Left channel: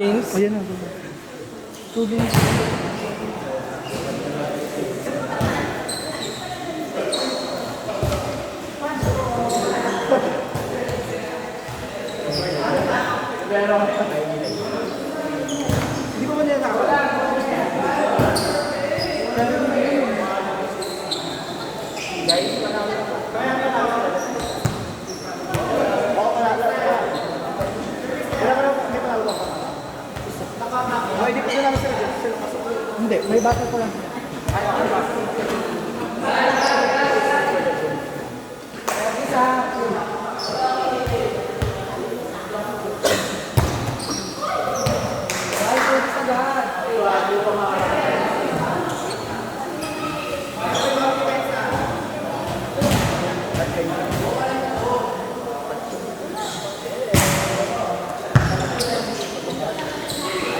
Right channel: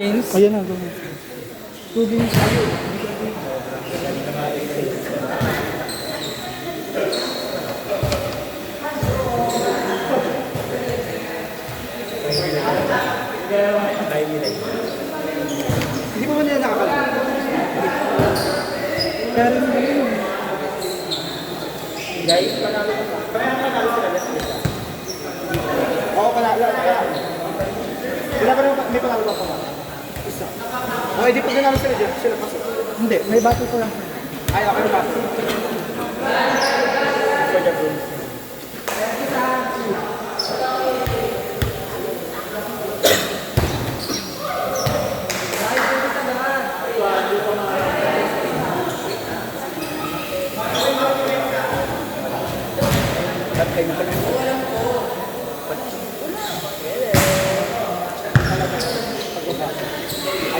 Beans? Ayan na, gawin. 2 beans. Hindi pa ba nila nakapala? Kaya rin yun. Guys, panalo ko pa. Kaya panalo sila. Oo, panalo. Wala pa naman, may panalo pa. Isa. O, hindi pa naman sila dyan. Sila pasok. Hindi, may battle ko lang. Ay, okay ba?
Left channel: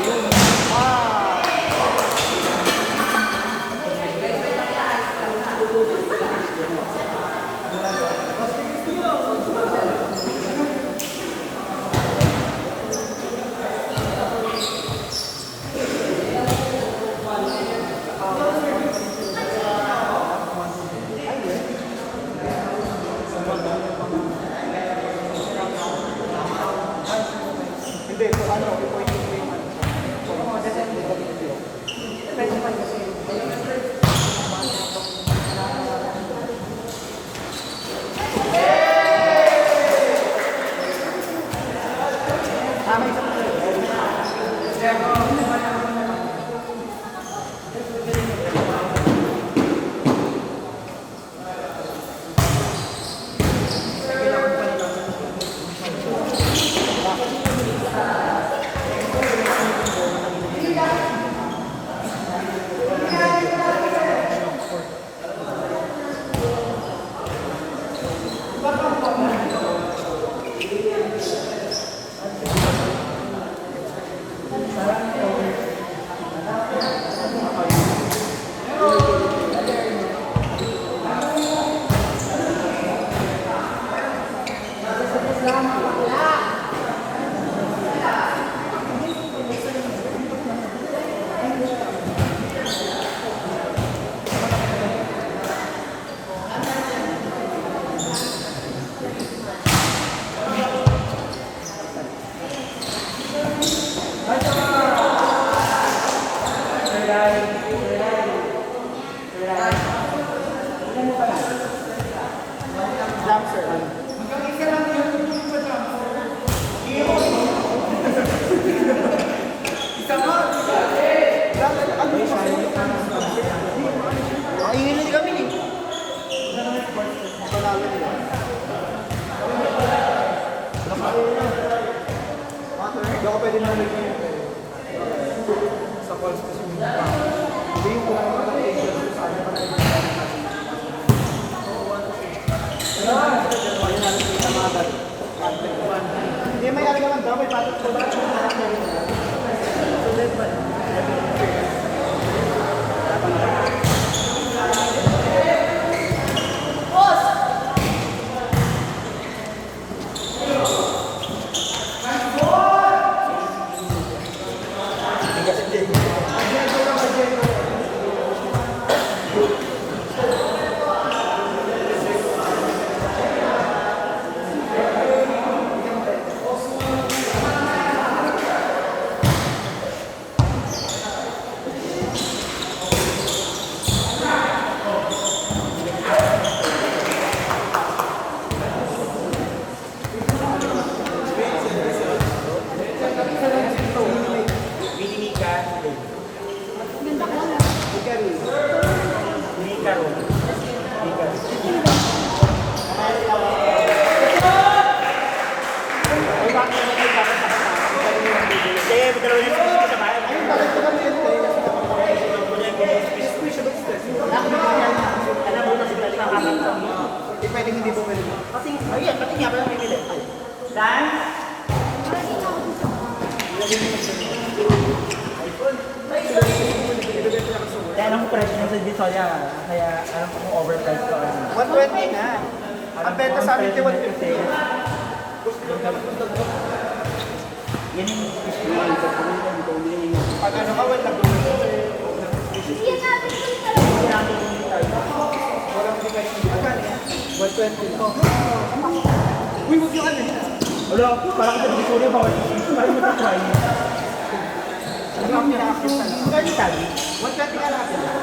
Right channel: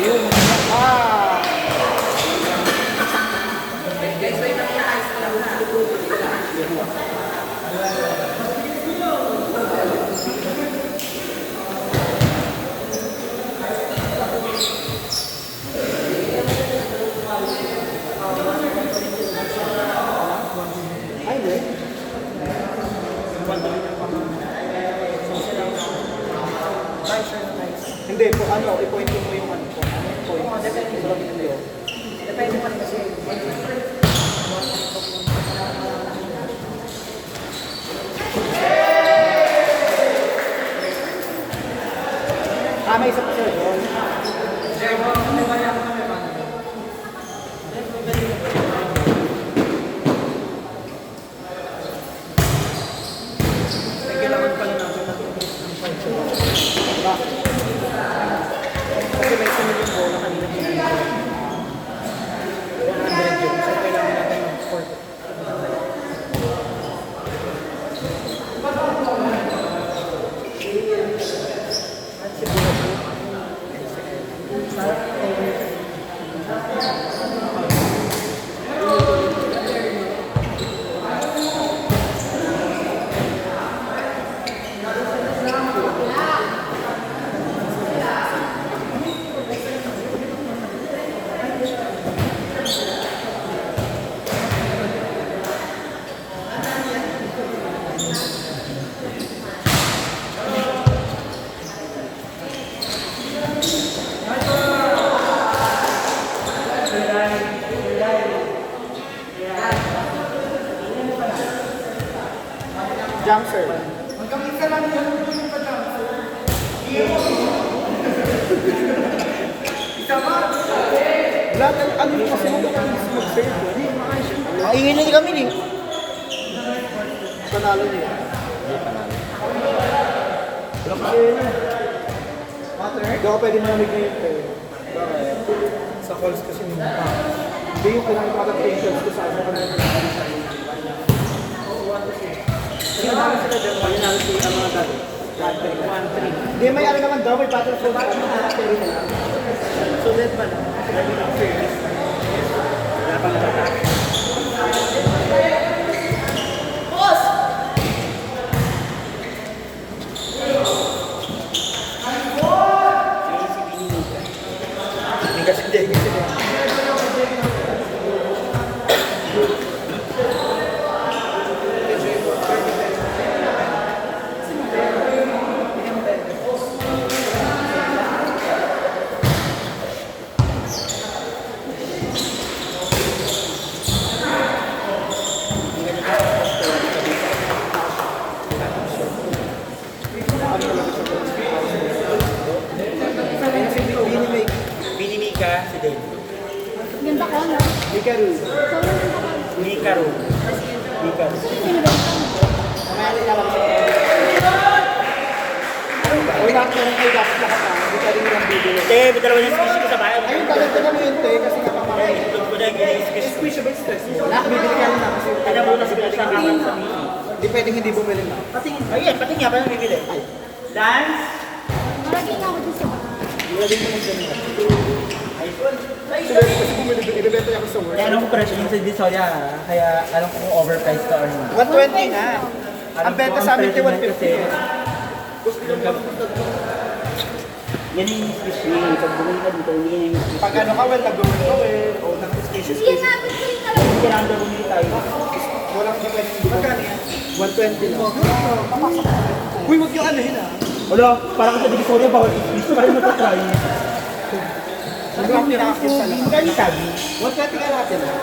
Ayun. Ah! Hindi po, ano, i-point yung point man po. Point. Depende pa rin kasi. May isa po sila. Kailangan pala natin na kasi may sinigong goal na kanina ginagawa. 100 yun. So, kailangan natin ng 4. Jump, sir. Ano mo kasi Ingin na kami ni. panalo niya? Hindi ako pwede mamigay sa calls kasi may mga hindi yung pinaka-adaptation ko sa ano ka na kailangan sila dyan mo yung nalang kita mga dati 1-3 hindi may ano naman double battle for batch yung carry nila so dead pa lang wala pa naman hindi kasi hindi Mika, si Dave. Ganda ko, no? Mika Rul. Mika Rul. Mika. Uy, bakit ka nang kayo dapat lahat na? Mika rin yung bibili. Hindi, dalawa na squeeze sa bayan. Ayun, dagdagan mo yun, te, kasi kapapakain. Tulog ko na yung squeeze. Squeeze, stress. Nakabibili ka rin na kasi. Kaya muna sila sa kanan sa misi. Hindi pwedeng hindi bumili mo. Ayun, pati nga pala bibili. Dance. Nakakita ako dun sa bahay. Hindi mo nang ganun. Ibebenta niya ako sa work. Kaya alam ko presyo mo sa Disoya. Kaya alam ko kung overpriced ka or hindi. 120 na. Ang benta sa amin, 150. Yan yung fish meal. Pag bumili ka dito, hindi yung Pag ano ka, well, nag-gawin ko eh. O nag-species. Hindi yan natin ko yung talaga. kailangan na bumili tayo. Walang depende. Magkano yan? 120 lang. Uy, huwag yung ano yun ah. Wala, parang sa divisoria, bawal gusto pa rin matatry. Ano yung pinakakit talaga? Kani kani. 120 ka natin ah.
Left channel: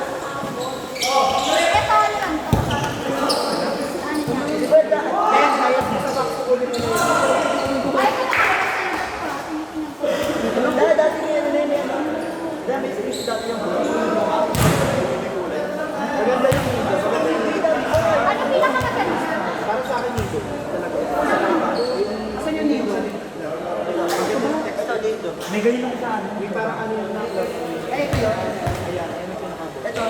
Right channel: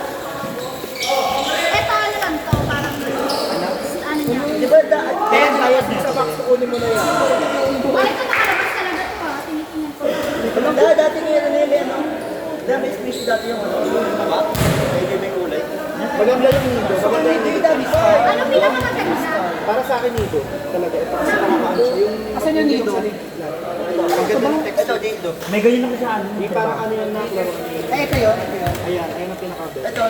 Ito ano lang to, parang ano niya. Di ba da? Then, ayos din sa box, kunin mo na yun. Ay, ito nakalabas talaga to ha. Tinitingnan ko. Dati ngayon na yun, ano? Dami space dati yung ano. May kulay. Maganda yung nido. Maganda yung nido. Ano pinakamaganda? Para sa akin nido. Talaga ito. Kasi nakakaano siya. Yung... Asan yung nido? Ang ganda ng text. Ito, nido. May ganyan ako sa ano. Yung parang ano yung nido. Ay, ito yun. Ayan, ayan ang pinaka-best. Ito.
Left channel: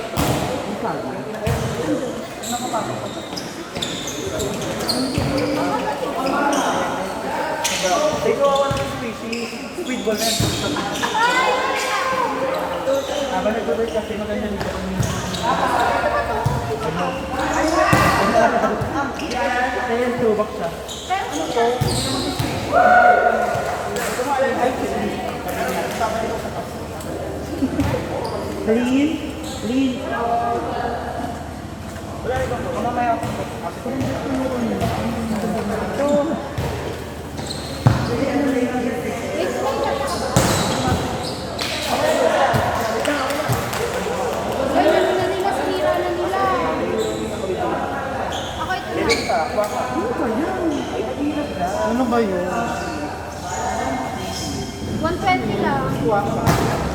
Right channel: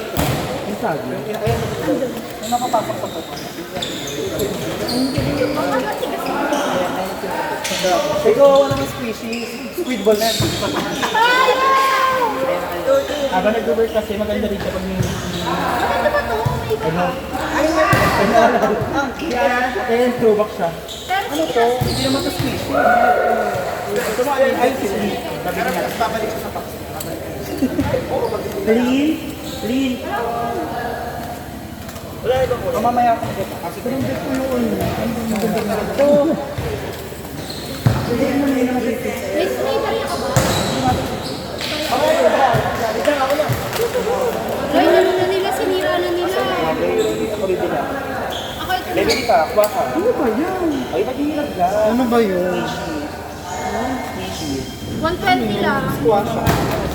Yung sabi. Ayan. Ang nakapasok ko. Ito, ano ng species? Squid ball na. Ay, Habang nag-work kasi maganda rin kapag may ano ba to? Ayan, throwback siya. Pero ito. Ito mo alam, ay, babalik ko sa box. Lean. Lean. Wala ito po. Mamaya ako po. Kasi ito rin gusto yung May sneaker ka ba? Ay, ano na nila, sinira na nila. Ako ito na. Level ka, kuha ka. Ano ba yan? Ay, nag-iirap ka. Ano ba yun? 120 lang. Kuha ka.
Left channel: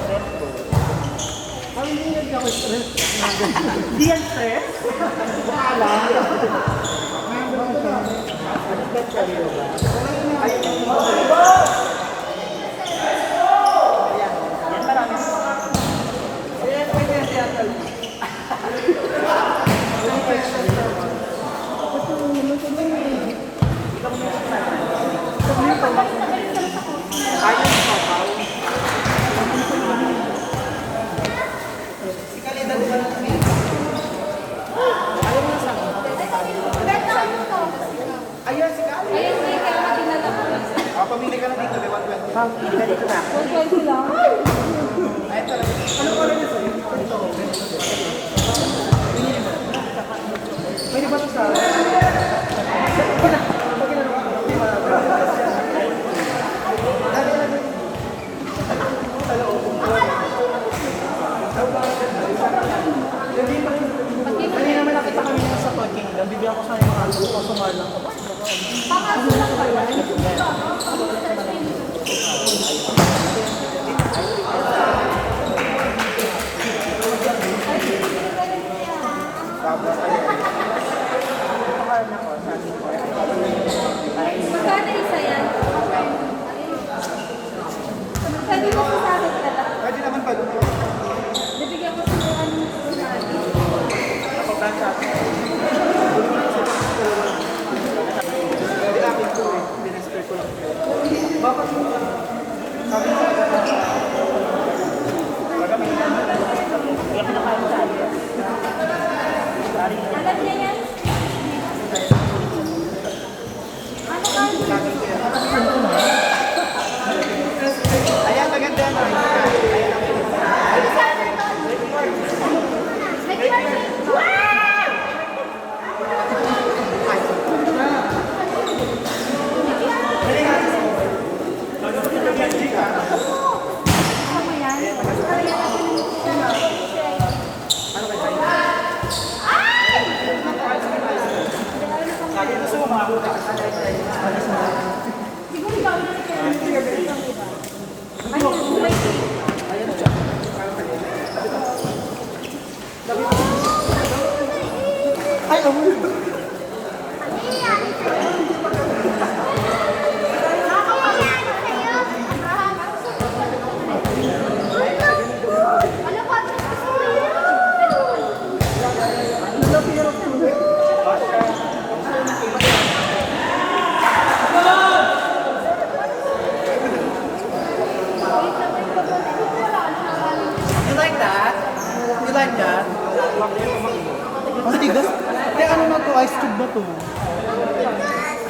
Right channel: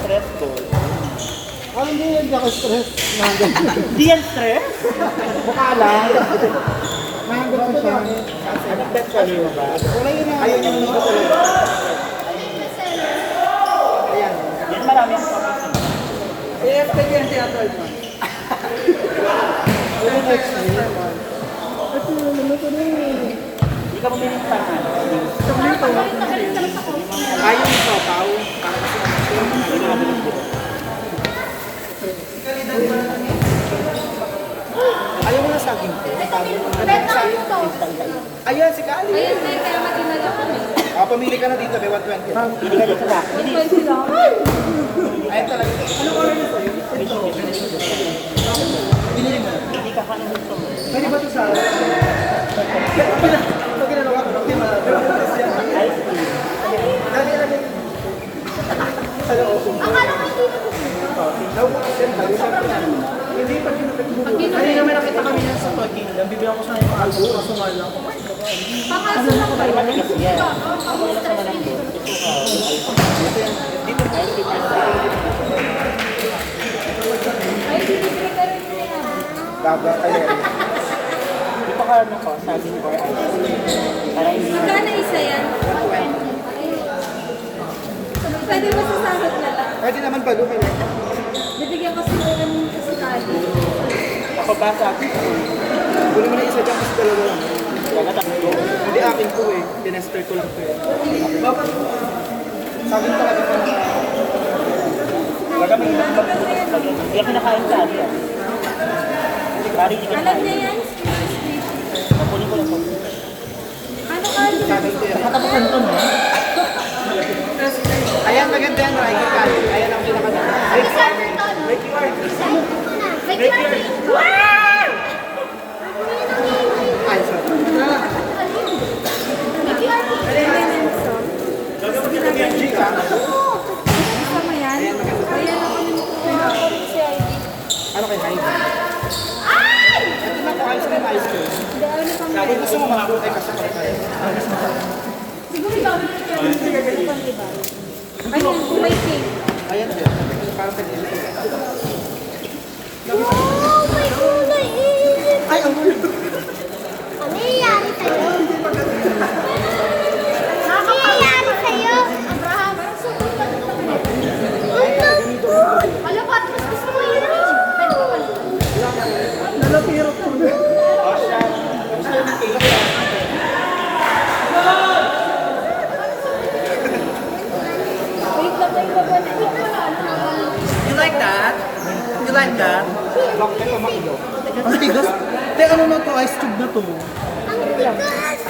Stress to. Ano hindi yan ako stress? Hindi yan stress? Baka lang. Ano bet sa iyo ba? Ayun yung mga ayan. Yan marami. Yes, kaya yan siya. Hindi ka bumili ng parang. Ayun sa pao. Ayaw mo na sa akin. Benta ano to? Ayun, si Kali. Ayun, may kaya maginala ko. Pamili ka na dito, may 120. Hindi ka dito na. 120 lang. Ayun talaga. Anong order niya sa'yo? Ito. Binili mo. Pwede ba ito sa... Pag ginagawa ko, hindi ma-butas yan. Dali na lang. Sa loob. Akala ko hindi na Daw ba kasi hindi pa Hindi naman nakita kami yan sa Toy Kingdom. Bibigyan ko sa yung mga algo. Kaso mahal lang. Papasok na kayo. Stress relief. Ay, hindi ko na rin niya. Baba kayo. Ito ka na ko, sabi ko. Magkano isa yan? Pwede mo sasahod ka lang. Pwede naman pa doon. Bibigyan ko siguro ng kasinali. Ako basa. Kunin mo na isa dyan kasi dalawa. Hindi akin ko eh. Dinester ko lang ko eh. Bakit mo? Sabi ko talaga na. Talaga mo. Hindi ako nakain sa akin. Kari, hindi Alam niya yan? Ano ka? Sabi ko yan. Katapusan ko na. Ayan, maganda yan, Rai. Ayan ang pinaka- May starter to, no? May starter. Wow! Ay, sorry. May starter. G ka. Gusto mo yan? Kaya na kami Ano kayo? Ay! Ito na po, ayos na yung ice cream. Lagi gusto mo mga kulay kasi. Siguro ikaw na ito pang iba. Ayun, may cake. Ayan dyan. Parang pwede. Ay, oh. Ano nangyayari sa'yo? Nakakayano sa'yo? Abraham, parang sumunod ka naman. Ay, naku! Alam ko, gusto mo yun. Pwede mo. Nalapirot ko. Wait lang, may babala. You like that? You like that? Ang tigas. Te, ano na to? Ice cube na to. Ang tigas!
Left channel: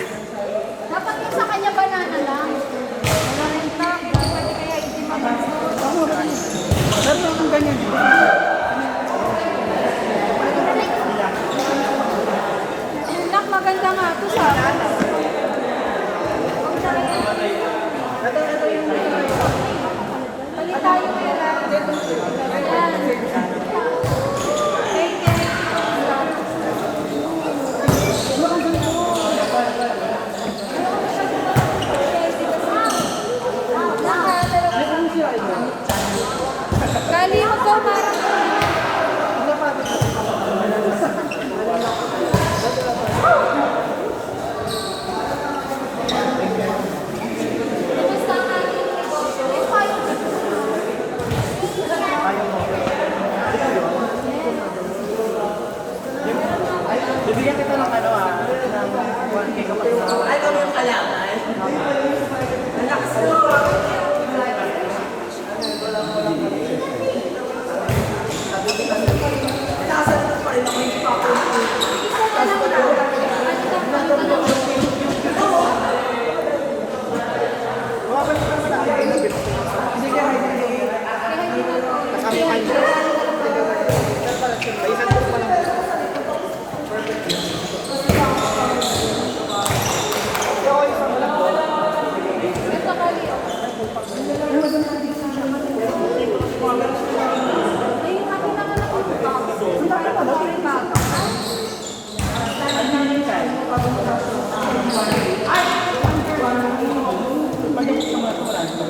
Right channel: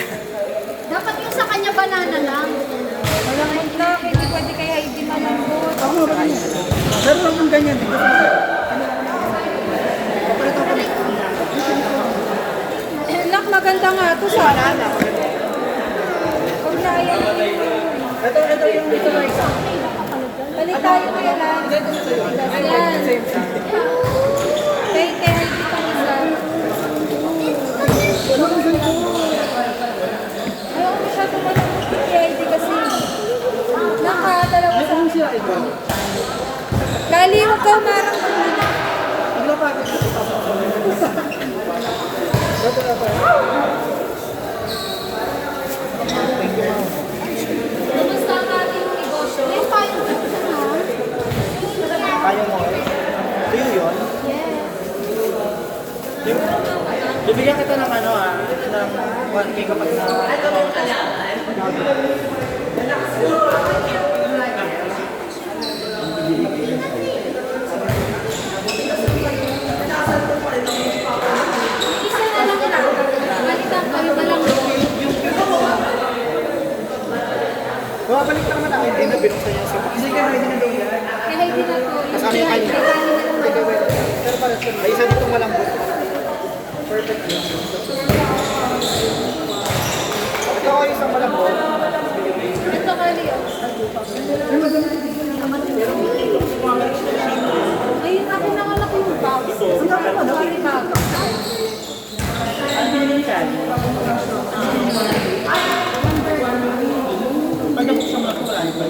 Dapat yung sa kanya banana lang. Walang magtak. yan, dito. Nak, maganda nga to sa akin. Pag naya. Ito yung dito na isa. Balik tayo kaya na. Ayan. Take care. Ayaw ko siya kasi. Nakadalawa sa Kali, huwag ka umarang. Gusto ang ating negosyo. Yung kayo Ayaw mo. Ito yung yun. Bibigyan kita ng ano ng 1K kapag isa na lang na. Balikan kayo na lang. Bumabalik pa naman ako. Hindi na bilis na yan. Sige, hindi na doon. Kaya hindi na po. Kasama yung kanya. Pero pala, may isang ko pa lang. Perfect yun. Ito ako isang malambot. Ito kali. Ayun, ako naman ako yung bago. Sorry, bago. Pag nabuksan mo na ito, wala na ba?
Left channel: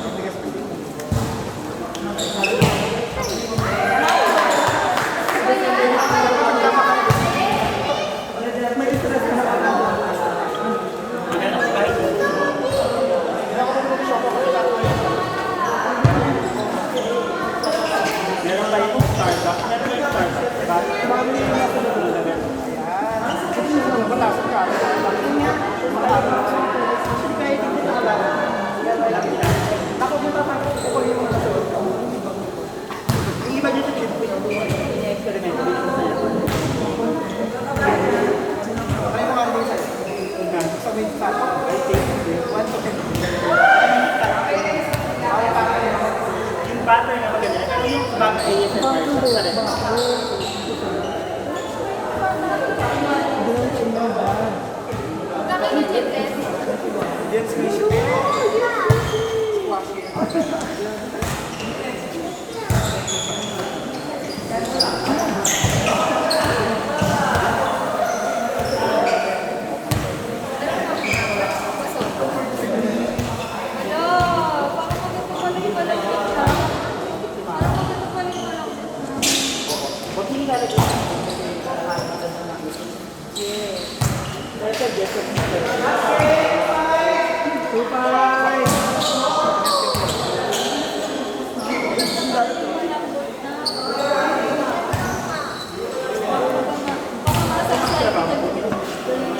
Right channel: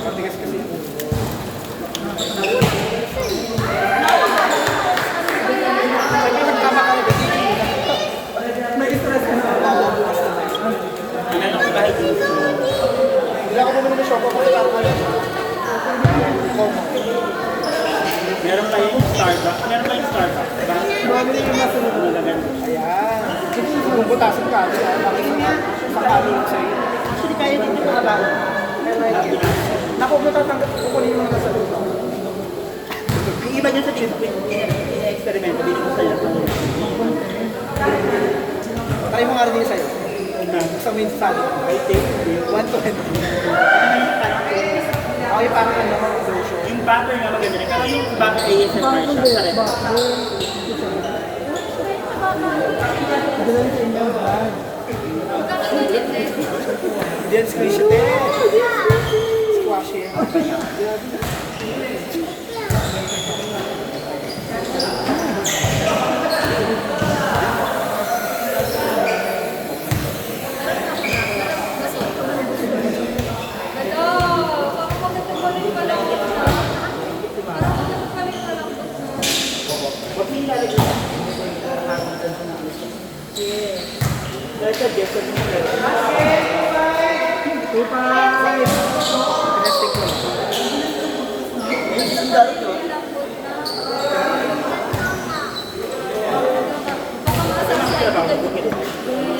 Matigas kasi yun. Nagtama kami kasi. May stress ka na. Hindi ako bumili ng shop. Ako meron kayong Starbucks. Meron kayong Starbucks, diba? Mabili yung nasa loob. Ayan. Kung butasin ka, bakit nga? Makalo sa'yo. Actually, kaya din ito nakalawa. Naku, matatanggap ko kunin mo na sa loob. Yung iba dyan sa Philippines, experiment, hindi ko sa'yo. Try mo nga rin yung sa'yo. Sa main stand. I think 120. Okay, parang ano, version. Yung butter nga maganda rin. Pero yung butter ASMR, sa rin. Then squish it in. Squash it. Dahil sa guest of mo.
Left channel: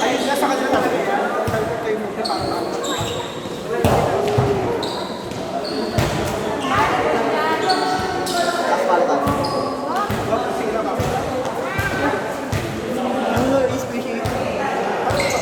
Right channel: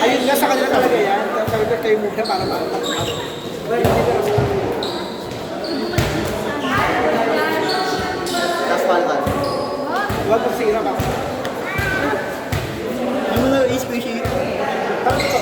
Ayun na sa kanila talaga yan. Tapos sabi ko kayo muna para maano. What to sira ba? Ano na, is-squishy? Parang sa